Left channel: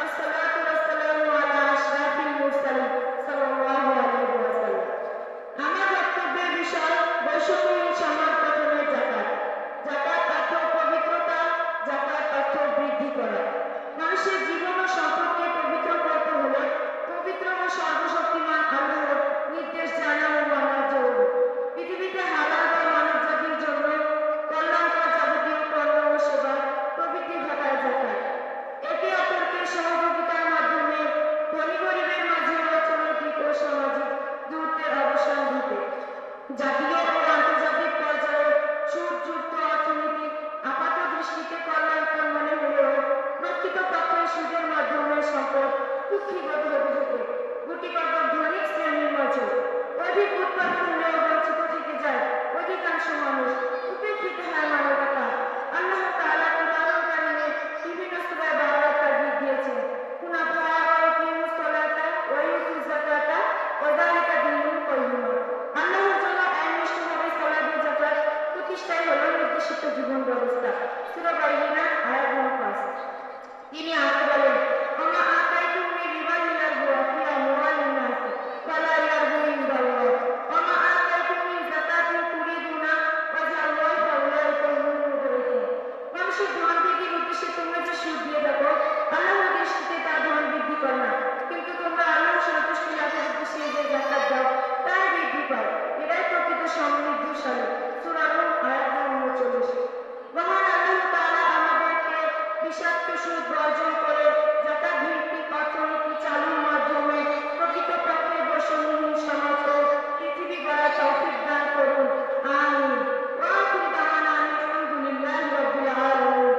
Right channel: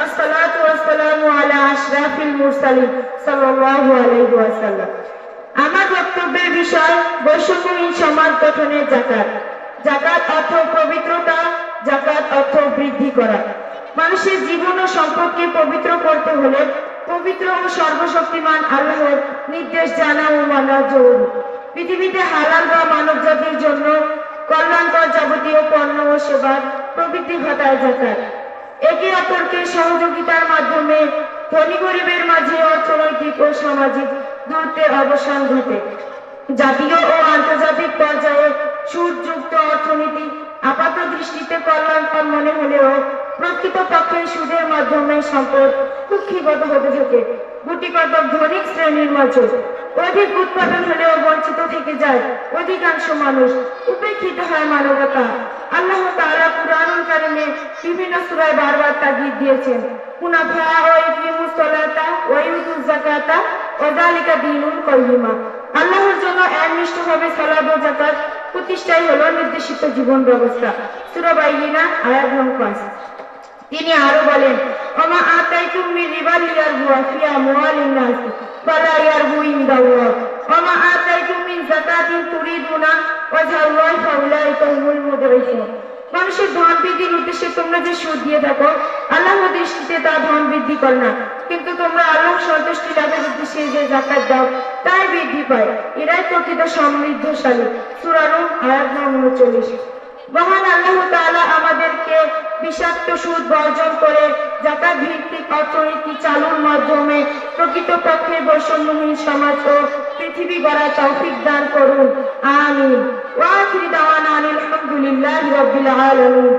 والصلاة والسلام على أشرف المرسلين صلى الله عليه وسلم। আমার বক্তব্যের বিষয় বৈষম্যহীন সমাজ গঠনের যাকাত। যাকাত অর্থ পবিত্রতা, যাকাত অর্থ বৃদ্ধি করা। মানুষের জীবন ও সম্পদকে পবিত্র করতে হলে পবিত্র ও সর্বশক্তিমান আল্লাহর নির্দেশ জানা ও মানা জরুরি। পৃথিবীতে হালাল বা মানব জাতির জন্য কল্যাণকর যাবতীয় পণ্য ও সেবার প্রবৃদ্ধি ঘটায় যাকাত। একে অপরকে সহযোগিতার মাধ্যমে ধনী গরিবের মাঝে অর্থনৈতিক ও সামাজিক দূরত্বের অবসান ঘটে। জাতীয় ও আন্তর্জাতিক পর্যায়ে সুদযুক্ত অর্থনীতি আপাত দৃষ্টিতে কল্যাণকর মনে হলেও প্রকৃতপক্ষে সুদের মাধ্যমে সম্পদ কুক্ষিগত হতে থাকে। গুটিকত ধনিক শ্রেণীর মাঝে অধিক উৎপাদন হলেও বঞ্চিত থেকে যায় অধিকাংশ মানুষ, উপেক্ষিত হয় মানবতা। আল্লাহ তাআলা কুরআনুল কারীমে বিভিন্ন সূরায় বারবার তাগীদ দিয়েছেন, কুনাফা ওয়া ইকিমুস সালাতা ওয়া ইউতুজ যাকাতা ওয়া যালিকা দীনুল কাইয়্যিমা। আল্লাহর জন্য একনিষ্ঠভাবে সালাত ও যাকাত প্রতিষ্ঠাই হলো নির্দেশিত জীবন ব্যবস্থা। সূরা বাইয়িনা আয়াত নং 5। তিনি আরো বলেন, ওমা আতাইতুম মিন রিবাল ইয়ারবু ফি আমওয়ালিন নাস ফালা ইয়ারবু ইনদাল্লাহ ওমা আতাইতুম মিন যাকাতিন তুরিদুনা ওয়াজহাল্লাহি ফাউলাইকা হুমুল মুদরিসুন। মানুষের ধন বৃদ্ধির উদ্দেশ্যে তোমরা যে সুদ দিয়ে থাকো, আল্লাহর দৃষ্টিতে তা ধন বৃদ্ধি করে না, কিন্তু তোমরা আল্লাহর সন্তুষ্টি লাভের উদ্দেশ্যে যে যাকাত দাও তাই বৃদ্ধি পায়। এরাই প্রকৃত সমৃদ্ধশালী। সূরা রুম আয়াত নং 39। মহান আল্লাহ তাআলা আমাদেরকে বিষাক্ত সুদ বর্জন করে যাকাত ভিত্তিক অর্থনীতি চালুর মাধ্যমে প্রকৃতপক্ষে বৈষম্যহীন সমাজ ও পৃথিবী গড়ার তৌফিক দান করুন। আমিন। ওয়া আখিরু দাওয়ানা আলহামদুলিল্লাহি রাব্বিল আলামিন।